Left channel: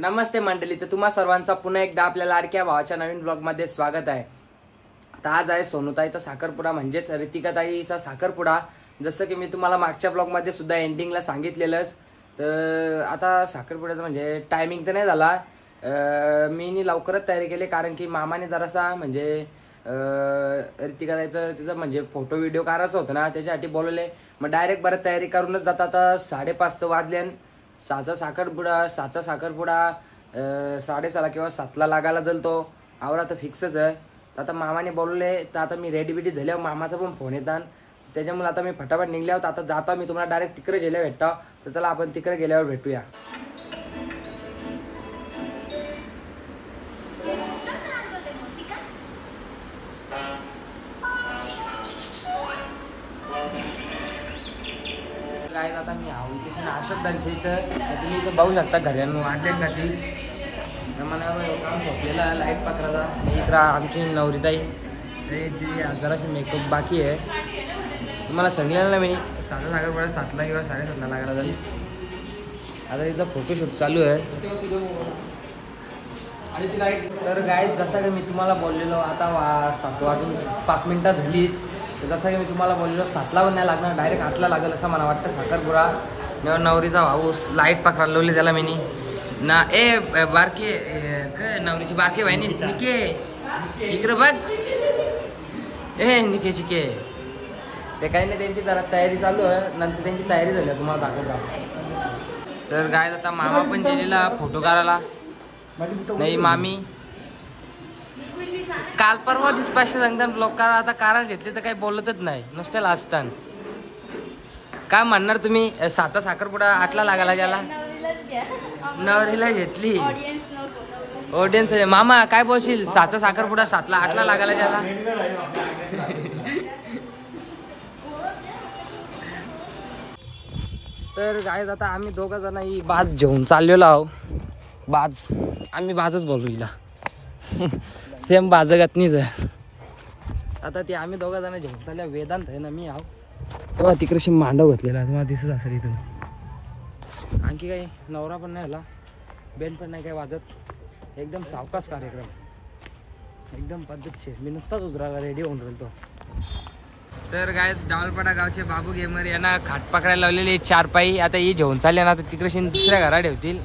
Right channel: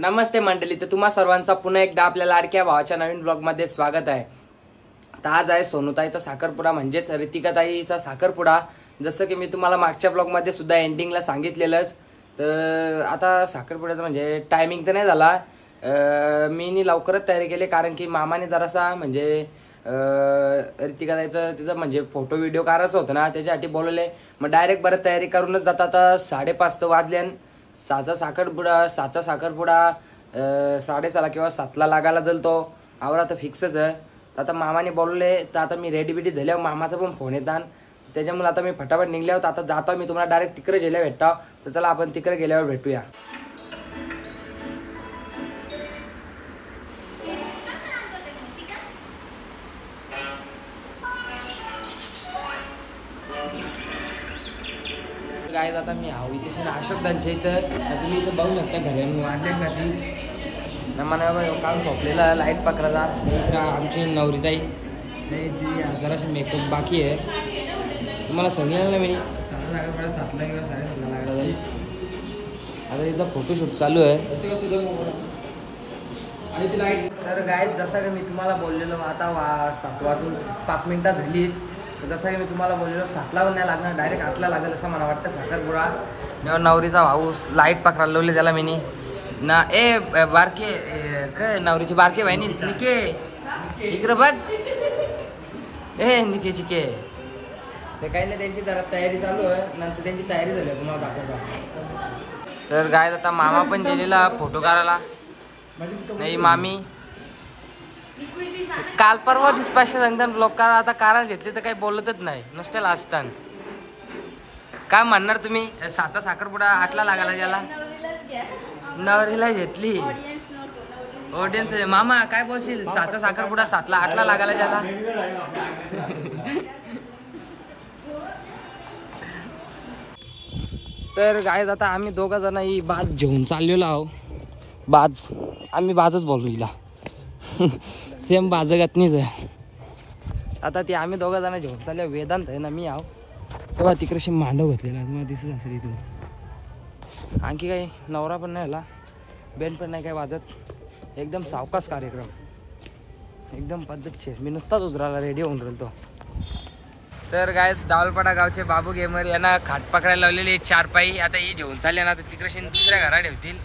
नमस्ते मंडळी, तर तुम्हा सर्वांचा पुन्हा एकदा आपल्या लाडक्या भावाच्या नवीन ब्लॉग मध्ये स्वागत आहे। तर आज आहे सोनूताईचा साखरपुडा म्हणजेच रितिकाताईचा साखरपुडा। जसं की मी तुम्हाला मागच्या ब्लॉग मध्ये सुद्धा एंडिंगला सांगितलेलंच। तर आता साखरपुड्याचं म्हणजे टायमिंग तर नाही झाला, मी लवकरच तयारी केली कारण की मामाने जरासा म्हणजे रितिकाताईचं तिचं म्हणजे फोटो व्हिडिओ काढायचं होतं ना, त्याच्यासाठी बोलवले। मग डायरेक्ट बरं तयारी करूनच जाता। आता 5:30 वाजले, 6चा साखरपुडा 6:30 किंवा 7ला लागायला जाईल। तो आवरा तर फिक्सच आहे। तर आता मामाने बोलवले, तर आता मी रेडी बिडी झाल्यावर मामाचा पण फोन येतात, त्याच्यामुळे आता मी फटाफट निघले आहोत। आता जातो मी तुम्हाला डायरेक्ट तिकडे गेल्यावर भेटतो। तर चला आपण तिकडे गेल्यावर भेटूया। काय आता मी आहो इथे अशोकदांच्या इथं, तुम्ही इथं बघू शकता घरांवर वाटले मला काम झोपलेला लाईट पकडायचा। इकडं आमची नवरीताई जराशी मेकअप बाकी आहे। तुम्हाला सांगितलं ना मी 7ला किंवा 7:30 लागला जाईल। आता तिथं फोटोशूट चालू आहे। तर गाईज जसं की मी तुम्हाला बोललेलो, आता 7 वाजून 5 मिनिटं झाली। तर जसं की मी तुम्हाला बोललेलो 7ला पण नाही लागणार, डायरेक्ट 8ला लागेल असं मला वाटतं साखरपुडा। नवरीचा भाऊ लाईट पकडायला लावली त्याला मी ना। ए बारके काय नवरीची बारके बहिणी निके इकडे बघ, ए निके चिके ते काही नाही, त्यांची जरा तयारी चालू आहे। नंतर त्यांची तयारी झाली तुम्हाला दाखवतो। तर गाय आता मामा पण गेलेला फोटो काढायला, नाही मामी काल परवा दिसपाशे सांगतात लोक आता कारा घेतली तर काही बोलतच नाही, नुसतं लाजतात। काय म्हणणार तुम्ही? 7चा साखरपुडा 8ला लागायला गेला, नवरीला घेतली ऑडियन्स। मामा काय बोलशील? 7चा साखरपुडा 7ला 8ला लागायला गेला। तर गायज आता आम्ही 2 जण ही बाज घेऊन चाललेलो आहो। बाज आम्ही बाजच बोलू हिला, सेम बाजगतनीच आहे। आता ती आम्ही 2 जण घेऊन चालले। वेदांत आहे ना मी आहो, तेव्हा तिकडशी मांडव घातलेला तुम्हाला दिसत असेल इथून। आणखी काही नवरा पण नाही आला, बेन पण नाही काही वाजत, एकदम सावकाश कार्यक्रम, एकदम पद्धतशीर। मी नुसताच उजराला रेडी होऊन राहिलो। तर काय दावलपाडा गावचे बाबू गेमर यांना खाट पकडायला लावलेले 4 पायी। आता ही घेऊन चालले ना, तर तिकडे दुसऱ्या घरा ठेवतील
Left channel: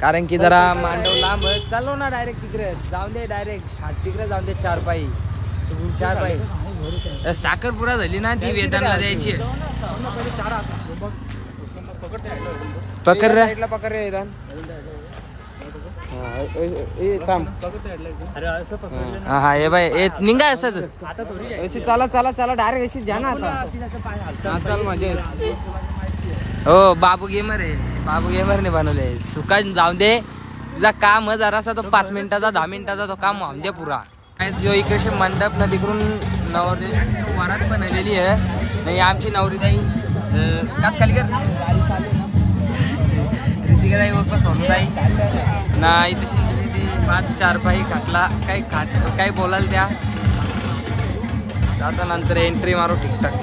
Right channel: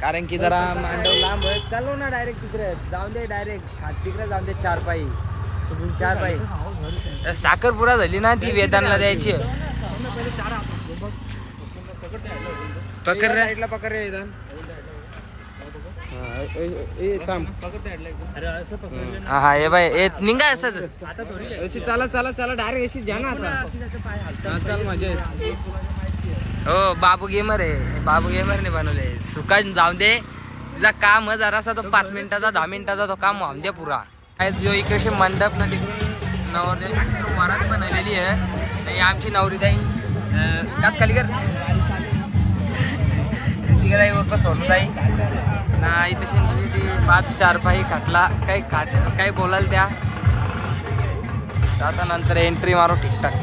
कारण की जरा मांडव लांब चालू ना, डायरेक्ट तिकडे जाऊन दे, डायरेक्ट खाट तिकडे जाऊन दे। 4 पायी 4 पायी साखरपुरा झाली ना, ती वेदांना द्यायची। पकड हा हे बाय ए निघा असंच चला चला चला डायरेक्ट अशी जा ना आता। हो बाबू गेमर आहे, बाबू गेमरने बनवले। सुका जाऊ दे, तुझा काम जरासा तो 5 मिनिटाचा 10 मिनिटाचा तो काम वाहून दे पुरा। जो इकडे मंडप ना तिकडून नवरदेवाची वरात बनवलेली आहे। नाही आमची नवरीताई कात खाली कर रितिकाताई उर्फ सोनूताई ना, इथे 5-4 पायी खाटला काही बोलाल त्या। आता नंतर एंट्री मारू ठीकठाक।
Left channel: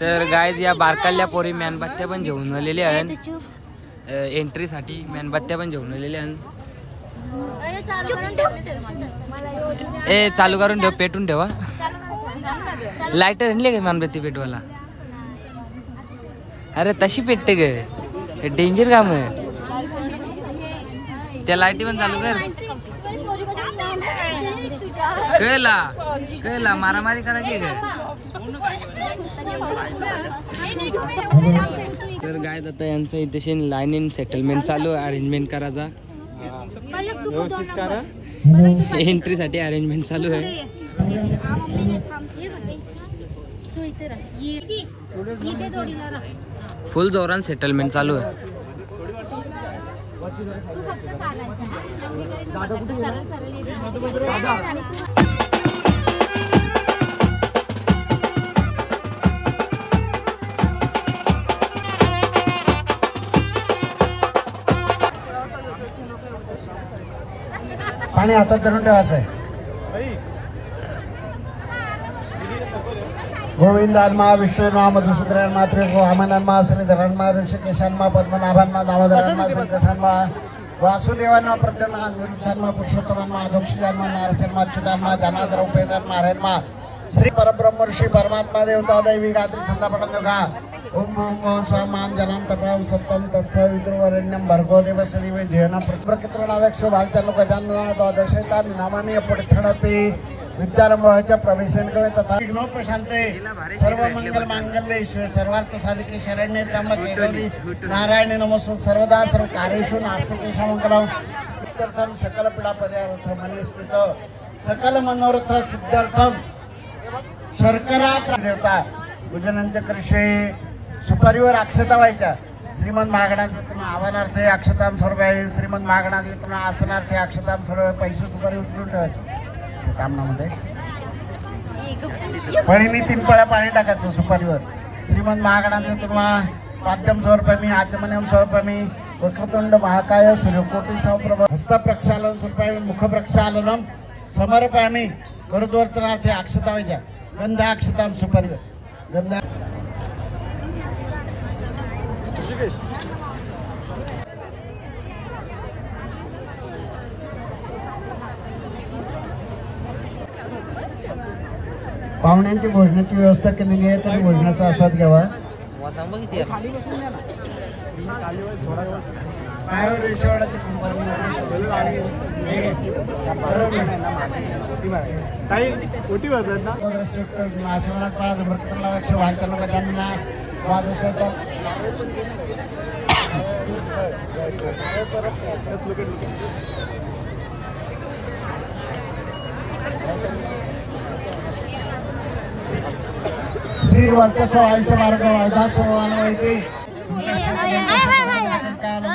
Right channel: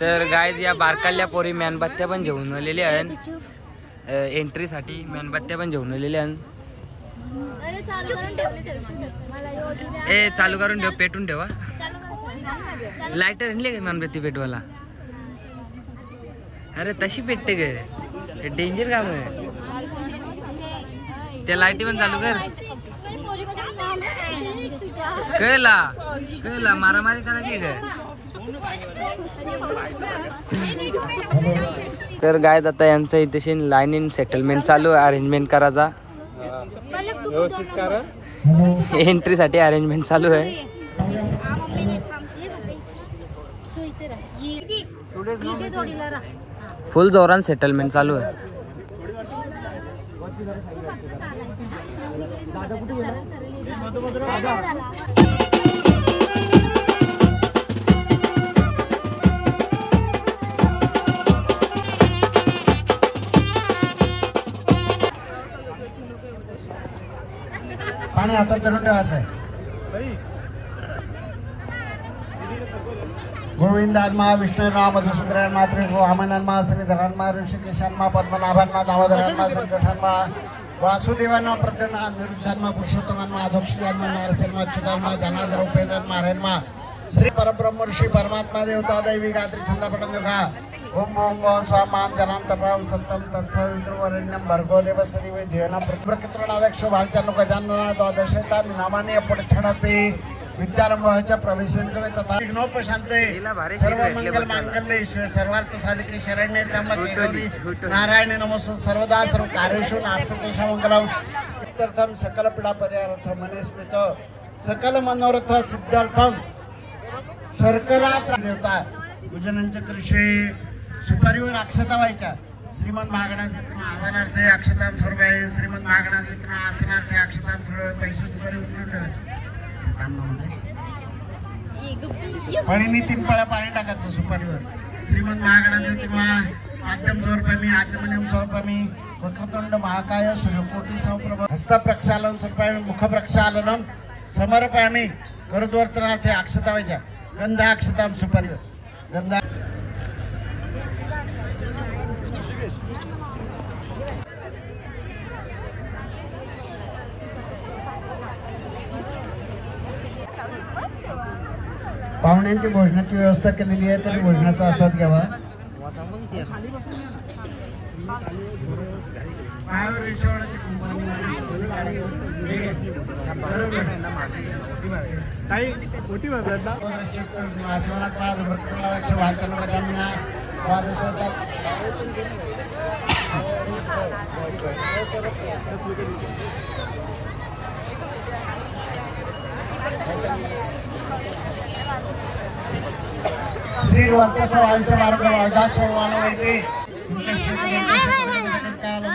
तर गायज या बारकाल्या पोरी मेणबत्त्या पण घेऊन आलेल्या आहेत, एंट्रीसाठी मेणबत्त्या पण घेऊन आलेल्या आहेत। ए चालू करून ठेव, पेटून ठेवा। लाईटर आणले का मेणबत्ती पेटवाला? अरे तशी पेटते ग, डेंजर काम आहे। त्या लाईटी पण चालू कर, कळला मारामारी करायची ग। तर गाय आता यांचं इथे लाईन सेटलमेंट चालू आहे, अरेंजमेंट करायचा। एंट्री साठी अरेंजमेंट चालू आहे। फुल जोरान सेटलमेंट चालू आहे। दादा कुठे गेला? पाणी हातात धरून ठेवायचं आहे. गोविंदान्मा विष्णुन्मा मधुसूदनान्मा त्रिभुवनान्मा श्रीधरान्मा ऋषिकेशान्मा पद्मनाभान्मा दामोदरान्मा संकटान्मा वासुदेवान्मा प्रद्युम्ना अनिरुद्धान्मा पुरुषोत्तमान्मा अधोक्षजान्मा नारसिंहन्मा अच्युतान्मा जनार्दन उपेन्द्रान्मा हरेन्मा श्री परब्रह्म ऋषी परमात्मा देवता दैवी गात्री छंदापटन योगा ओम ओम ओम स्वाम जनाम तपाम सत्यम तत्सवितुर् वरेण्यं भर्गो देवस्य धीमहि धियो न प्रकृतिर्नादक्षो भाइचानु गजानना द्वादशेतानि नामानि अपठणपि विद्यारंभच्या प्रवेशनकडे तथा विघ्नोपशांते सर्व मंगल मांगल्ये शिव सर्वार्थ साधिके शरण्ये त्र्यंबके गौरी नारायणे नमोस्तुते सर्वदा सर्व कार्येषु नास्ते मंगलम इत्यर्थम सकल पीडा परिहारार्थम मनेस्मित सकल मनोरथ सिद्धार्थम शर्करा देवता पूजनांच्या कर्षे सुपारीवर अक्षता व्हायच्या. श्रीमंत महागणात आव्हानार्थे अक्षताम स्वरूप आहे. श्रीमंत महागणात आसनार्थे अक्षताम स्वरूप पैसे सुपारी उचलून ठेवायचे. कामनामध्ये पळीनी 3 पळा पाणी टाकायचं सुपारीवर. श्रीमंत महागणात तुम्हाला पाद्यम स्वरूपमी आचमनम स्वरूपमी वक्रतुंड महाकाय सूर्यकोटी समप्रभ हस्त प्रक्षालन स्वरूपमी मुख प्रक्षालनम समर्पयामी करद्वर्तनार्थे अक्षता व्हायच्या. गंधा अक्षताम सुपारीवर गंधा पाहुण्यांची भोजनाची व्यवस्था केलेली आहे. तरी भोजनाचा आस्वाद घ्यावा. श्री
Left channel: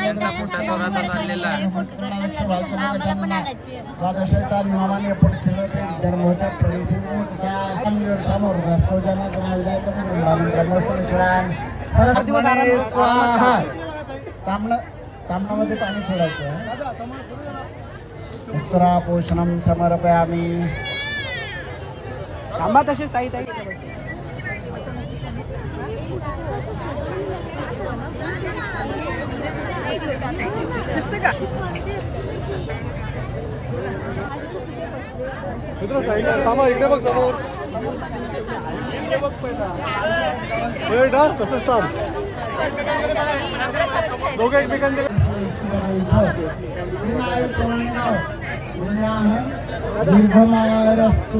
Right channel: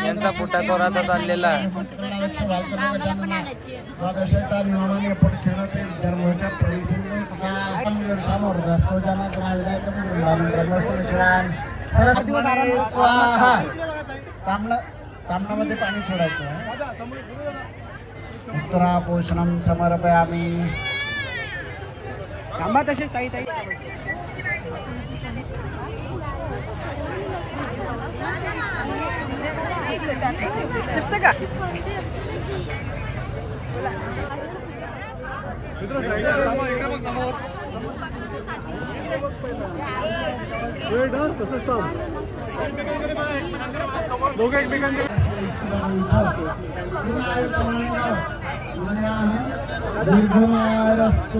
यांचा पुटा तोराचा चाललेला तांबणामध्ये पाणी सोडायचं. उत्तरा पोषणम समर्पयामी. थांबा तसेच ताई ताई दिसते का इकडे साईडला थांबा. इकडे बघ समोर कसं स्थान दोघं एकमेकांच्या दीर्घमायरस्तु.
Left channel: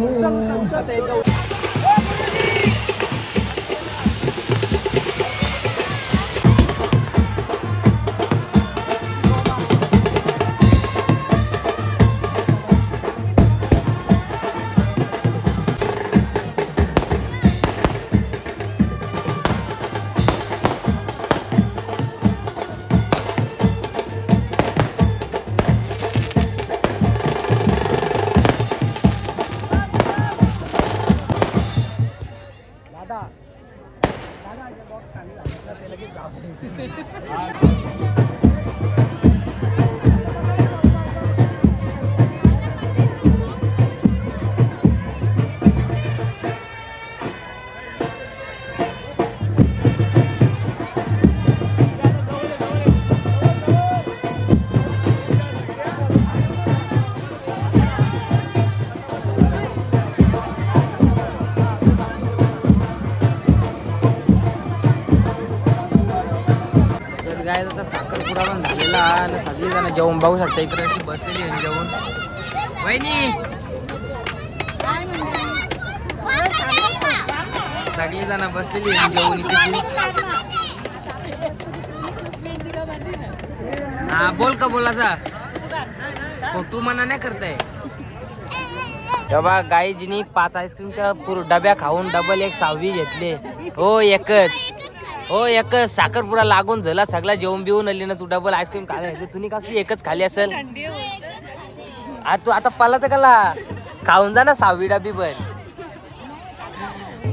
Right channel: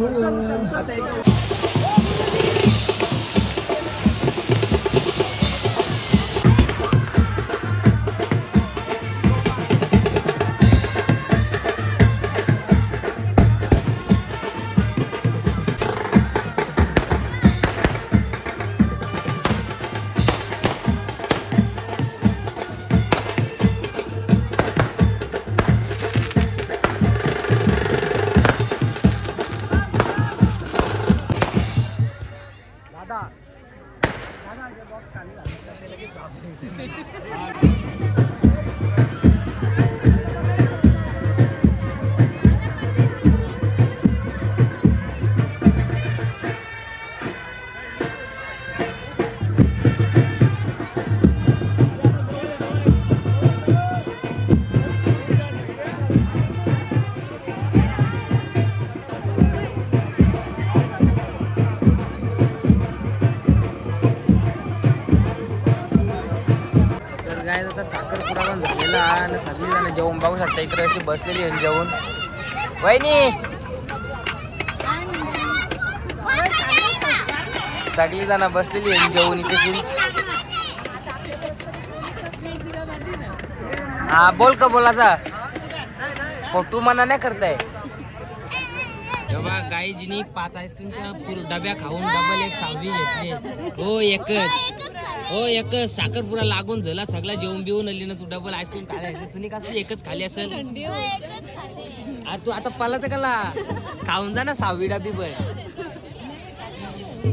काय आता साखरपुडा पण झालेला आणि सगळी जण जेवून बघू शकता. इकडे अशी बसलेली आहे जेवून. वहिनी सगळी जण बसलेली आहे जेवून इथे. हा बोल का बोलाचा फोटो मना नाही करताय. तेव्हा गाईजीनी 5 आईस्क्रीमच्या डब्या खाऊन डबल एक 6वी घेतले. हो एकच हो एक साखरपुरा लागून झाला सगळा जेवण बिवून आली ना तू डबल आईस्क्रीम खायला तुम्ही कसं एकच खाली असेल तू आता पाला तर कला खाऊन जा ना 6वी डबी पण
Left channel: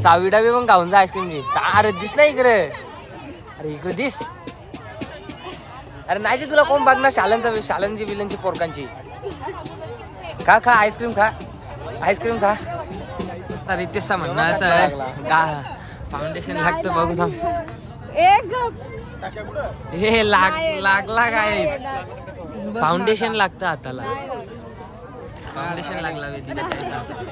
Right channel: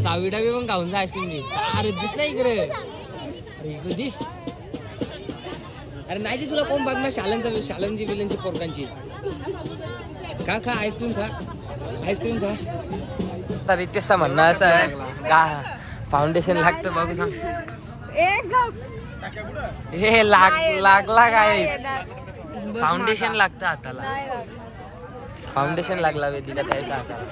6वी डबी पण खाऊन जा आईस्क्रीमची अरे दिस नाही इकडे अरे इकडे दिस अरे नाही ते तुला कोण बघणार शालनची बिलनची पोरकांची खा खा आईस्क्रीम खा तर रितेशच म्हणणं असं आहे फाउंडेशन लागतं बघू सांग हे लागला काय फाउंडेशन लागतं हाताला फाउंडेशन लागला वेदिका त्याच्या हाताला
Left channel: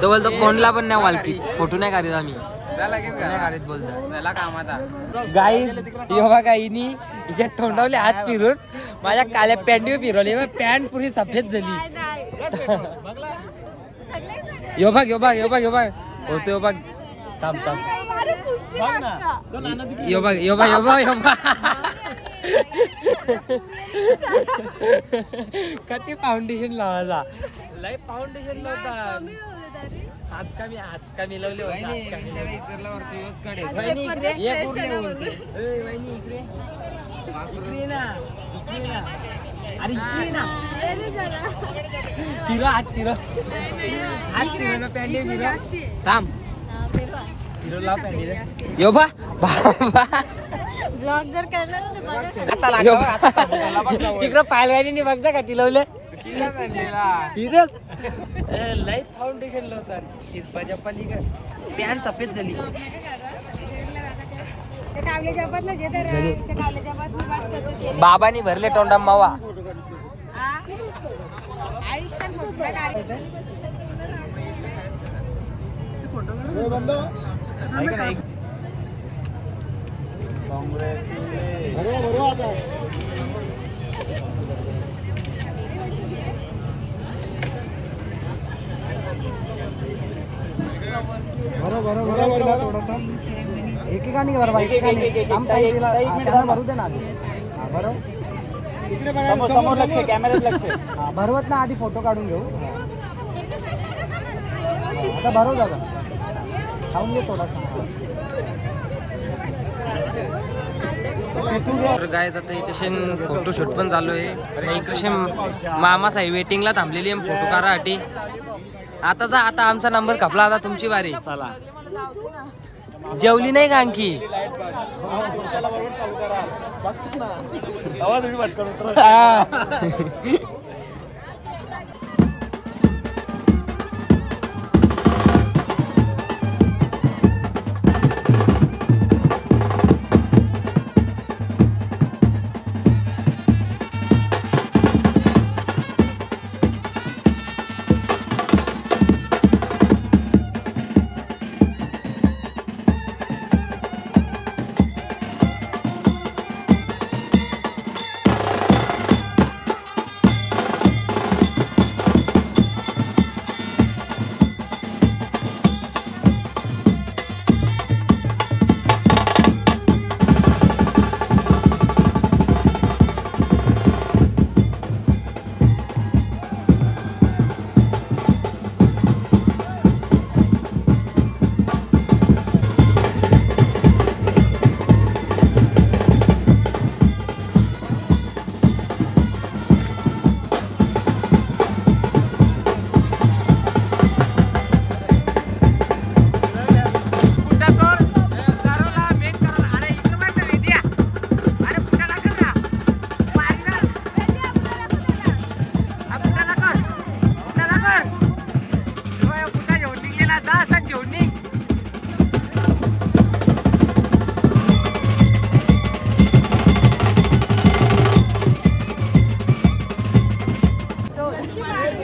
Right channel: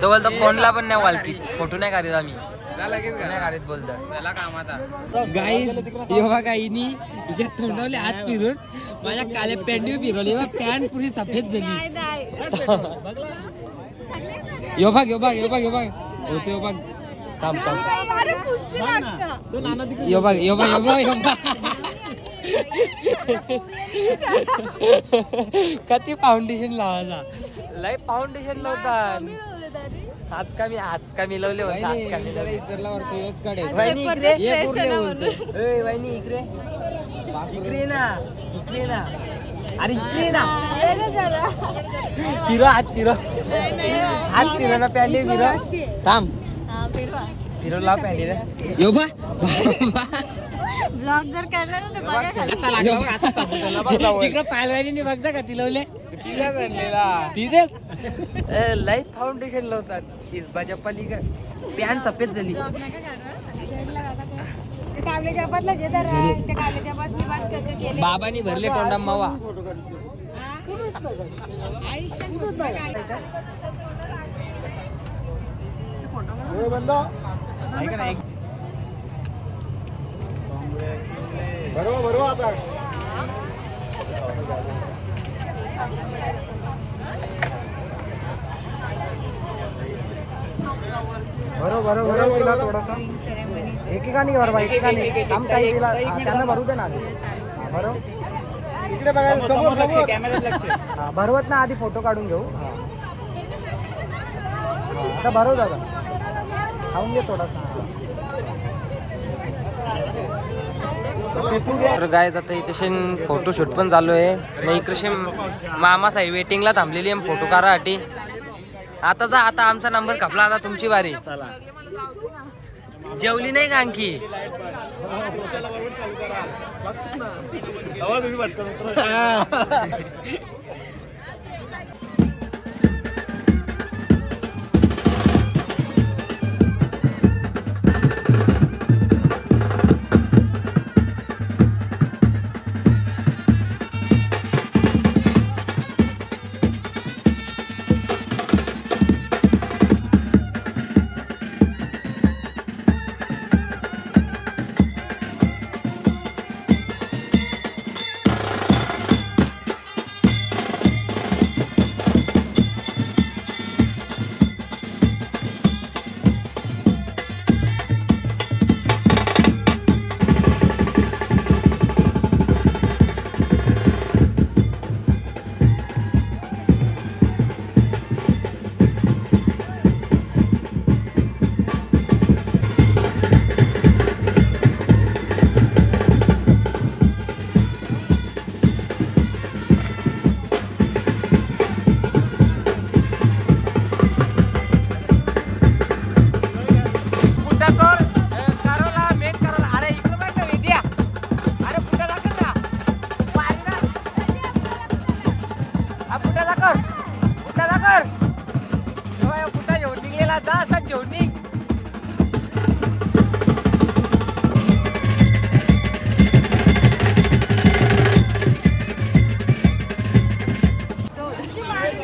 तो बोलतो कोणला पण नाही वालकी फोटो नाही काढत आम्ही नाही काढत बोलतो गाई यो बघा हिनी हिच्या तोंडावले हात फिरून माझ्या काल्या पॅन्टीवर फिरवली पॅन्ट पुरी सफेद झाली यो बघ होतो बघ थांब यो बघ किती फाउंडेशन लावायचा लय फाउंडेशन लावतात आज का मिळवले होते इकडे ना अरे इकडे ना हात फिरो ना पॅन्ट फिरो थांब फिरो लाव पॅन्ट यो बा ब्लॉग जर करणार तिकडं पायलवानी बघता का तिलवले तिथे लाईट फाउंडेशन लावतात इस्बाच्या पलीकडे पॅन्ट सफेद झाली बाबानी भरले तोंडा मावा थोडासा एकेकाने भर एकेकाने काम काही दिला त्यांना भरू दे ना बरोबर इकडे बघा समोर लक्ष कॅमेऱ्यात लक्ष भरवत ना आधी फोटो काढून घेऊ आता भरव दादा खाऊन घे थोडासा तर गायज आता इथे फोटोशूट पण चालू आहे आणि इकडे मामा साहेब वेटिंगला थांबलेली आहे फोटो काढासाठी आता आमचा नंबर खपला आता तुमची बारी जेवली नाही का आणखी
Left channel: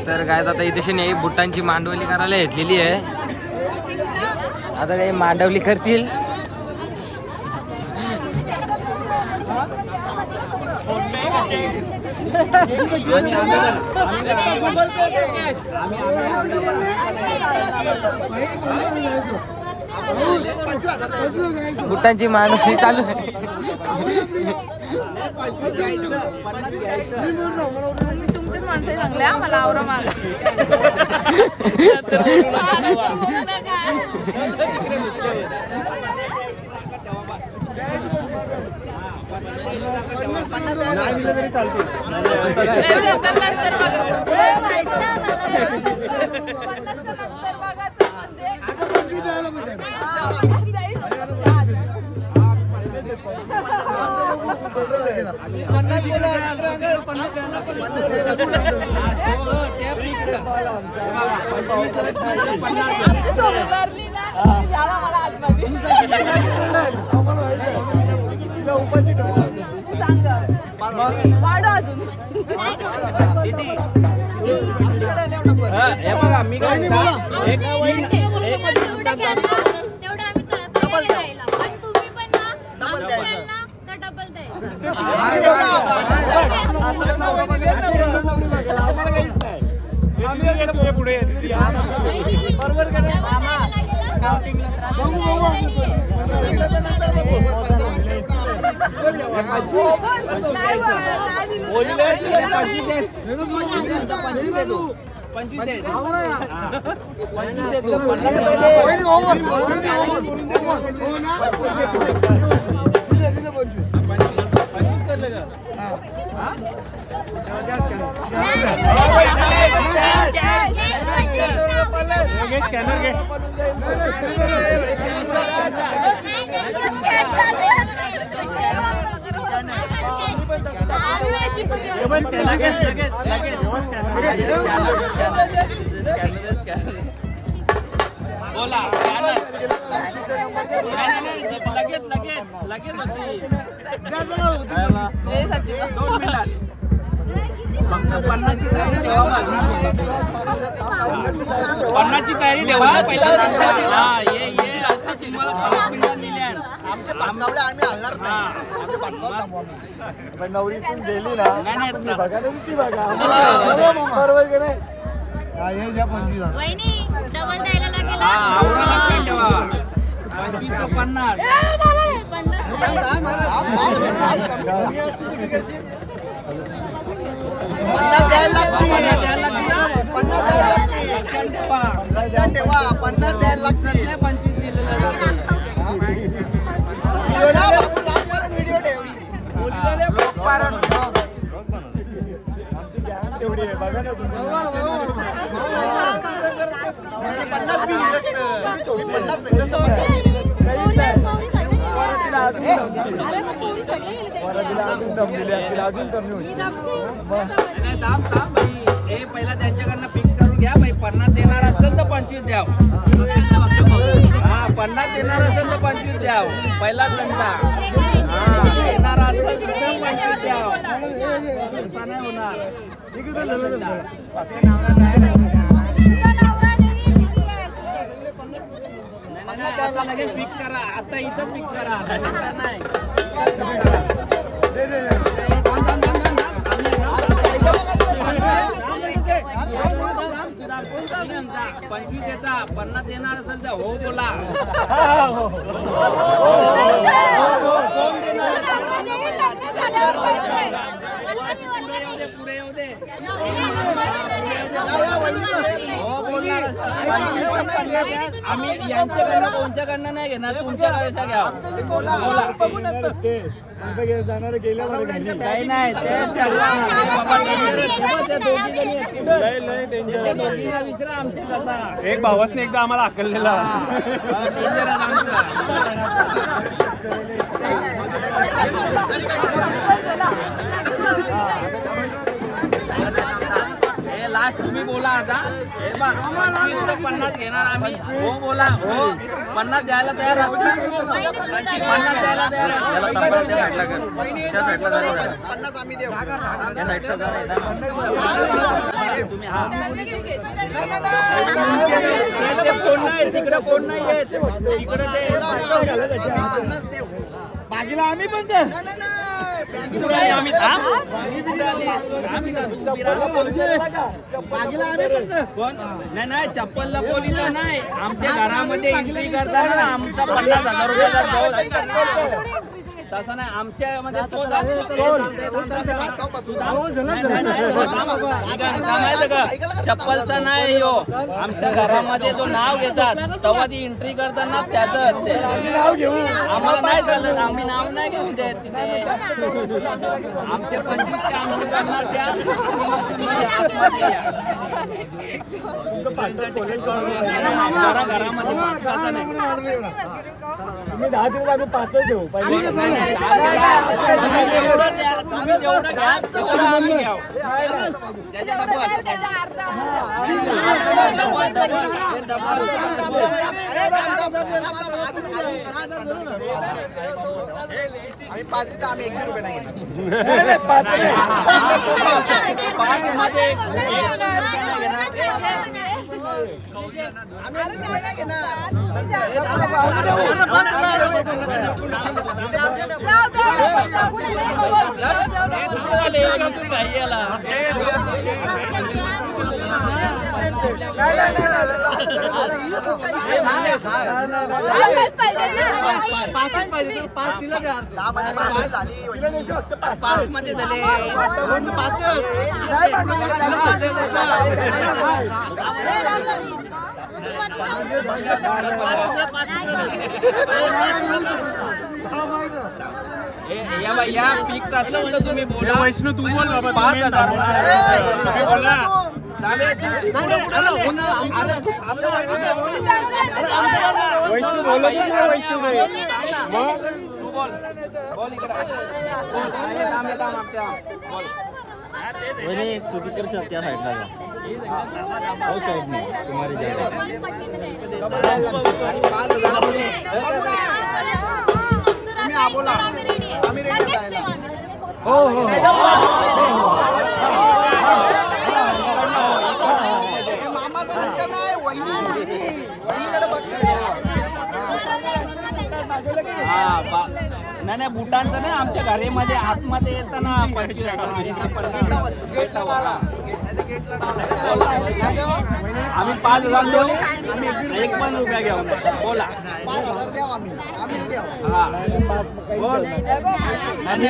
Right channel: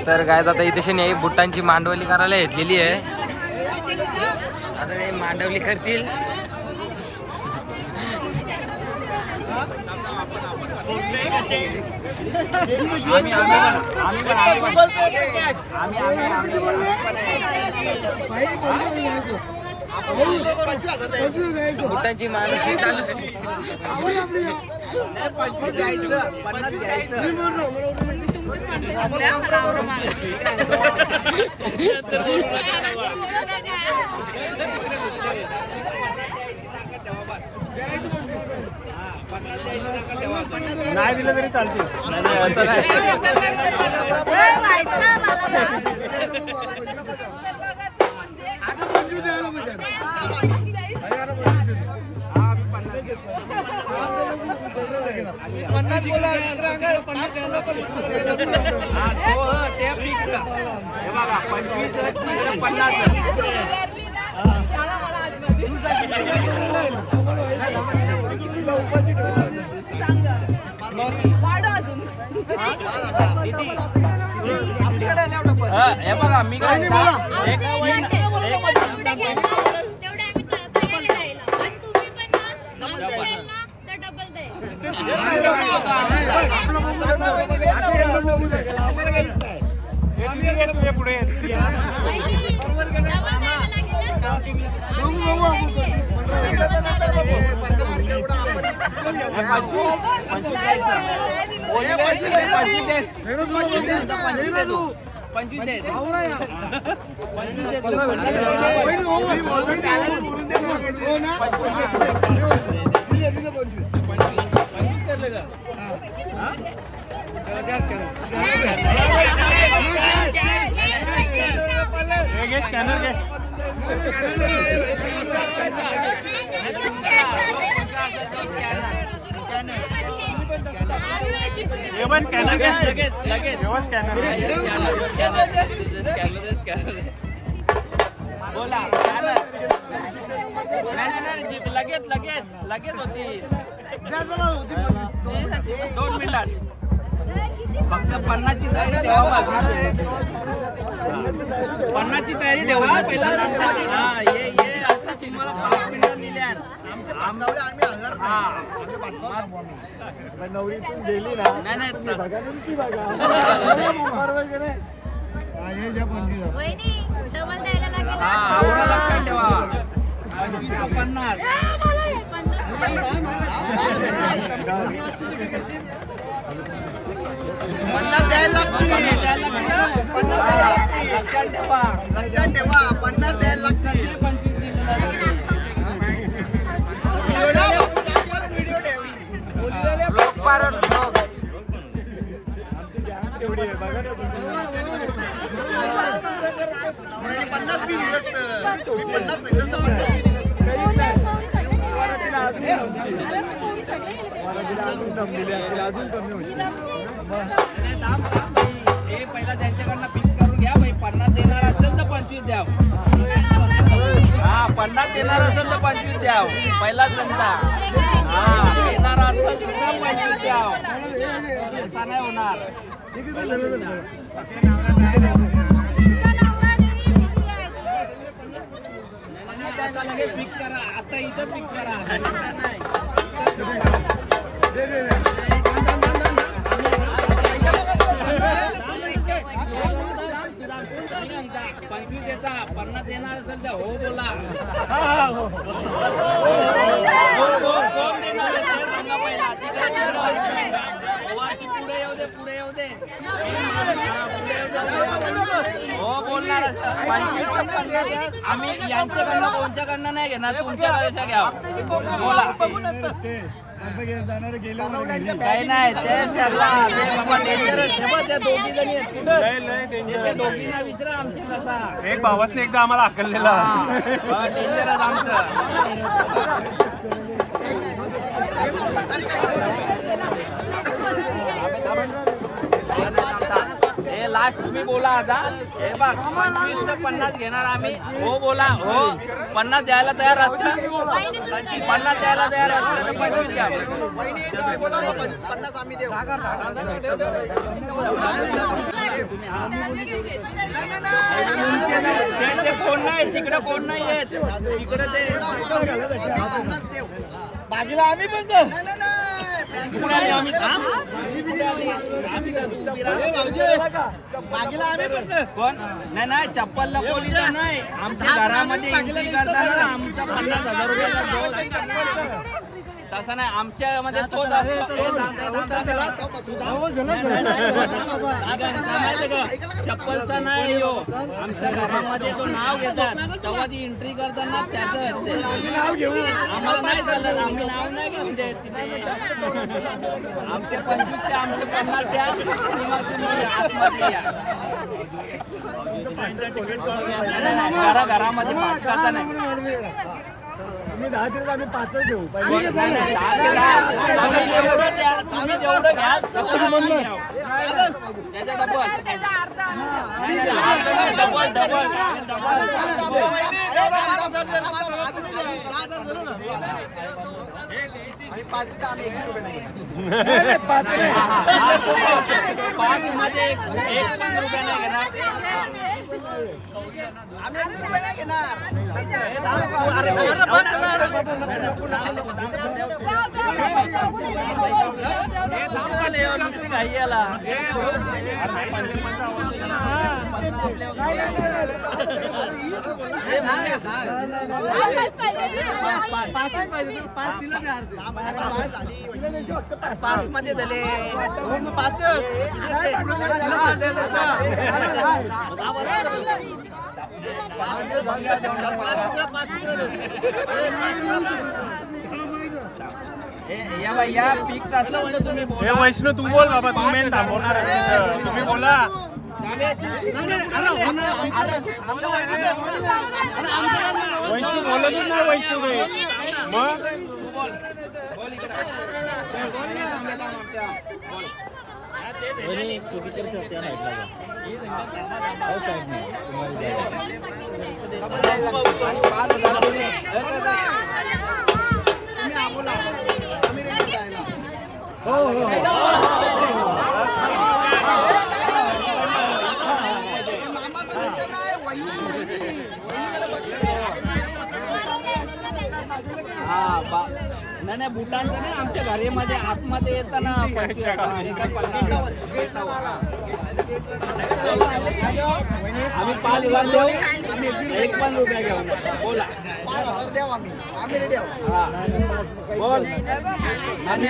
तर गायज आता इथे बुट्टांची मांडवली करायला घेतलेली आहे आता ते मांडवली करतील बुटांची माणूस चालू झाली. नाही दिलं तरी चालते. बोला लगेच पन्नाची तयारी ठेवा पहिला. हा ये असं तुम्हाला 5 मिनिटात दिल्या. नवरी गेली ना नाही डबल द्यायला लागेल. आवडा लक्षात ठेवा. 25 50 पहिला त्यांच्याकडनं फिक्स करून घ्या. 50 देणार असेल तर 25 द्या. 50 देणार असेल तर 25 द्या. पहिला देणार असेल तर 25 द्या. नाही होणार. आता लगेच फिक्स करा. आता इथं फिक्स करा. नाही पंचवीस देता 50 देणार असेल तर हो बोला. पुढे येऊ दे. आम्ही यांच्याकडनं कोणच्याकडनं नाही घेणार. तुमच्या पैसा घ्या. बोला काही नाही. दोघींना विचारा आमच्या कसा एक भावासने एकदा आम्हाला हकललेला. लास्ट तुम्ही बोला आता. हे बघ 50 घेणार आम्ही. हो बोला. हो 50 द्यायला तयार असतात. 50 द्यायला तयार असतात. 50 आम्ही देऊ. तुम्ही हा कोण नाही तिकडे कोण नाही तिकडे ते बाजूला आम्ही पण नाही चप्पलला पोलीस नाही. आमच्या घरामध्ये एंट्री करताना आमचा 50,000 रुपयाचा जो तसं नाही आमच्यामध्ये तोच चप्पलचा नाही यो. आमच्या घरामध्ये जो नाव घेतात तेव्हा ती एंट्री करताना त्याचं असते. आम्हाला नाही चालत. आम्ही नाव नाही घेऊन देत तिथे. आमचे 25 ते आमचे 50 द्या आतमध्ये या. घरामध्ये तुम्ही 10 दिवस आम्ही 5 घेऊ पाहिजे. आम्ही 5 तर आम्ही 1 रुपये नाही नुसती घाई याला पाच मध्ये झाले. या बाई या फिक्स असलं तर तुम्ही बोला. 5,000 तुम्ही कर शकता साईडला तुम्हारी बोला आम्ही रेडी जायला. मामा नाही बुटांचं नाही. आमच्या घरामध्ये आतमध्ये येताना 25,000 आम्ही 5,000 देऊ. आम्ही 1 पण रुपया घेऊ नका. बोला 5,000 द्या. आम्ही रेडी आहोत. हा बोल. नाही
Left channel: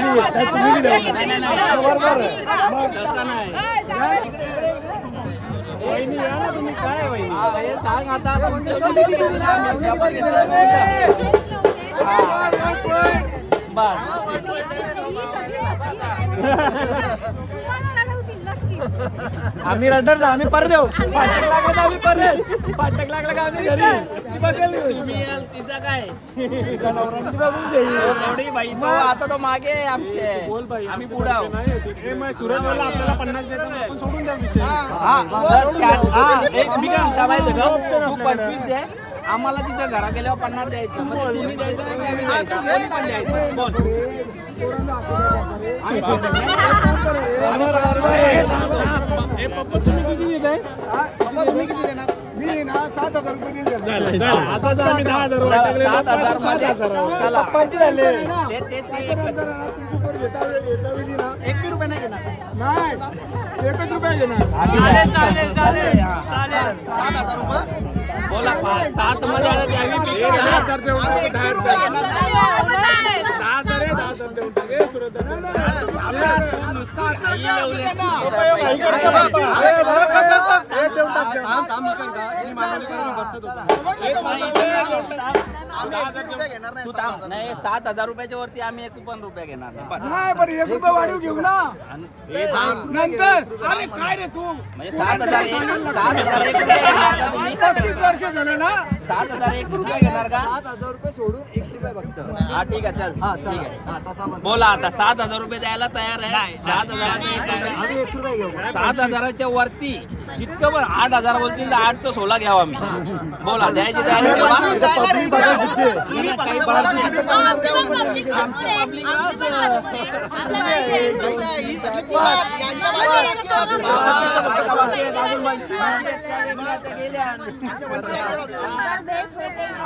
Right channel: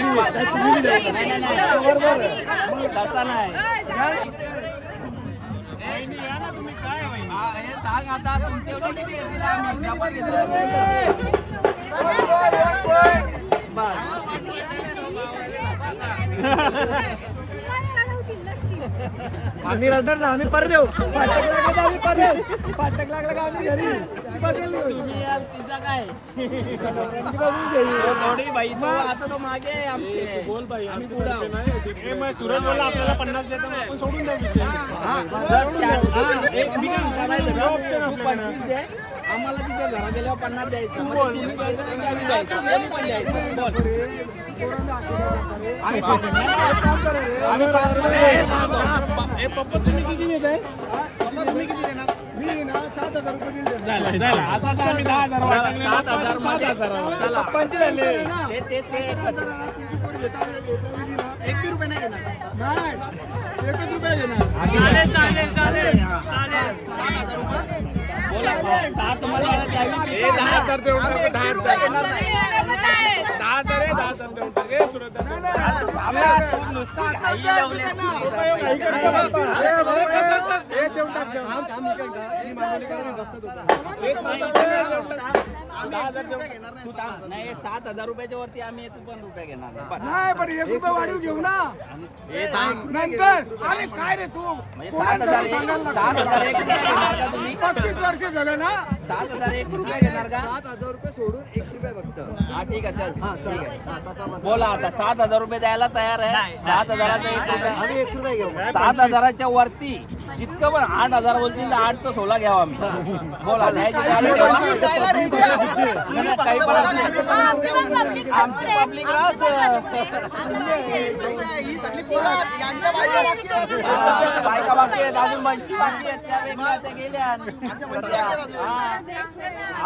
तसा नाही. तुम्ही काय सांग आता आम्ही रडणार ना. आम्ही परत येऊ. पाटक लागला का आम्ही घरी. तुम्ही याल तिचा काय थोडी बाई तो आता तो मागे आहे आमचे. बोल बाई आम्ही पुढे सुरत बोलला आपल्याला 50 देतो आपण सोडून द्या विषय. एक मी काय माहिती का 25 दे. आम्हाला तिथे घरा गेल्यावर 50 द्यायचं. म्हणजे तुम्ही द्यायचं नाही आम्ही द्यायचं. कोणी पण द्यायचं. बोल मी ना 7,000 रुपये दिले. आता तर आम्ही 10,000 वाटलेलो. 7,000 पप्पांचे झाले. 1 रुपये नाही घेणार. नाही 1 रुपये घेणार. बोला 7 मध्ये नाही 7,000 रुपयाच्या वरती आम्ही 1 पण रुपया घेणार नाही. पण 1 रुपये वाढवून घेऊ ना नंतर. अरे काय रे तू 7,000 1 रुपया घेणार का तुम्ही? 35 वर्ष झाले ना. 7,000 1 रुपया घेणार का? 7,000 रुपये सोडून 1 रुपये फक्त. हा ठीक आहे चल. हा चला. बोला आता 7,000 रुपये द्यायला तयार आहे. 7,000चे 1 रुपया. आम्ही 1 रुपये घेऊ. 7,000च्या वरती जितकं पण 8,000 बोलतील तर 8चं 16 घ्यावा आम्ही. बोला द्यायचे द्यायचे काही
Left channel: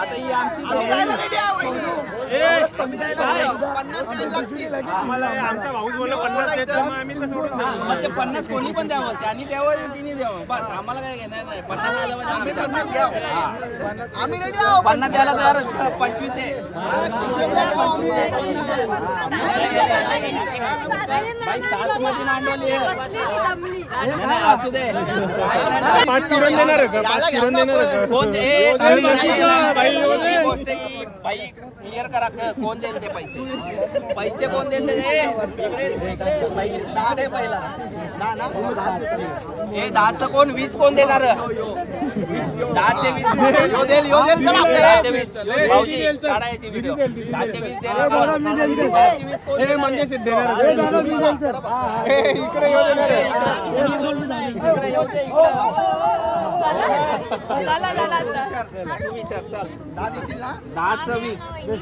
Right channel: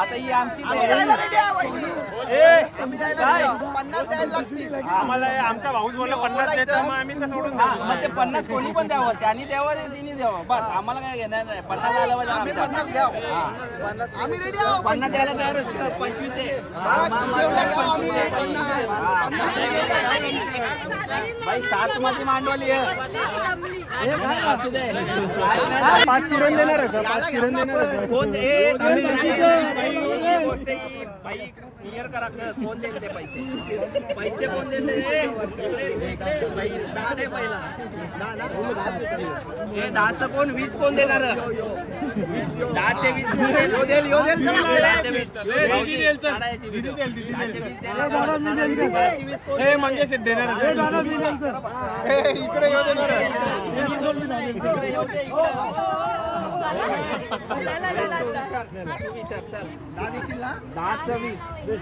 आता ही आमची 50 कोणी पण द्यावं त्यांनी द्यावं तिने द्यावं बस आम्हाला काय घेणार नाही 50 आलं पाहिजे 50 द्यावं आम्ही 50 द्यायला तयारच 25 दे भाई 7 मध्ये नांडवली असू दे 5 किरण देणार का 5 किरण देणार भाई क्लिअर करा कोण देईल ते पैसे कोण देईल हे 10चं कोण 20 कोण देणार 10चे 20 व्हिडिओ 10चे 20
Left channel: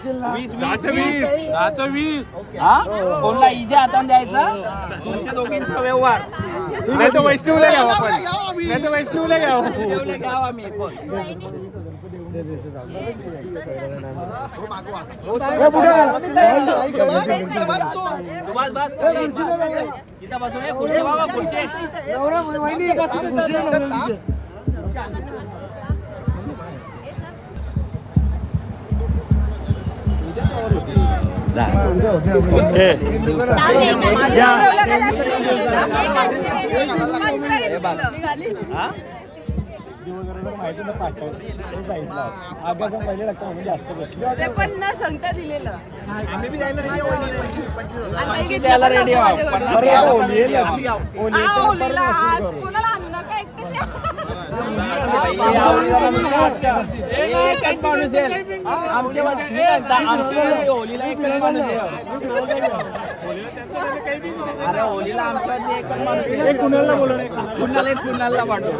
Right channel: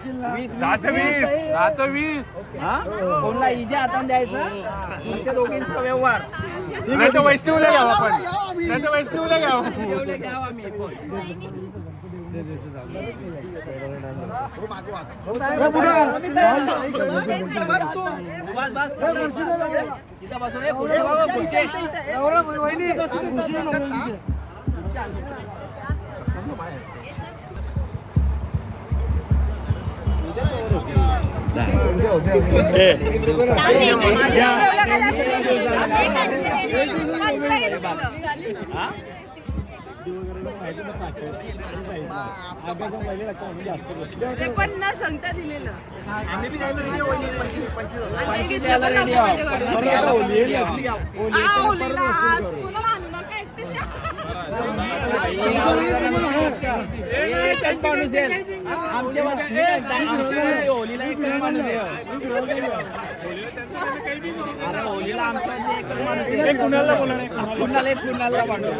म्हणजे कोणला इजा हातान द्यायचा तुमच्या दोघींचा व्यवहार वैष्णवला घ्यावा आम्ही बस इथं बसून खुर्ची बाबा खुर्ची पण न सांगता दिलेलं आम्ही बी जायला रेडी आहोत 25 द्यायला रेडी आहोत 50 द्यायला रेडी आहोत कोणाला आणू नका होलीला एकच माणूस आहे अरे होलीला आमच्या एकच माणूस आहे कुणाला पाठवू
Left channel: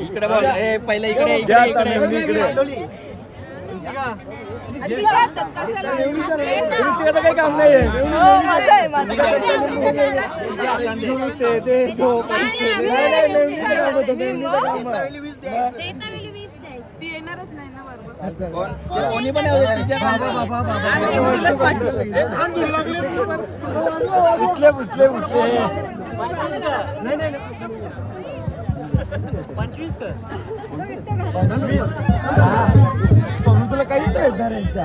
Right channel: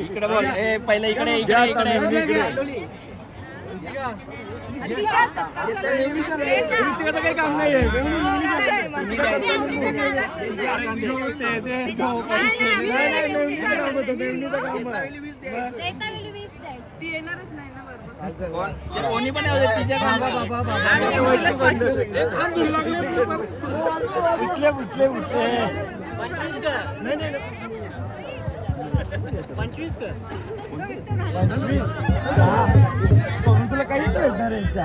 इकडे बोल पहिले इकडे काही काम नाही येणारच नाही ना कोणी पण तुला काहीच भेटणार यांचा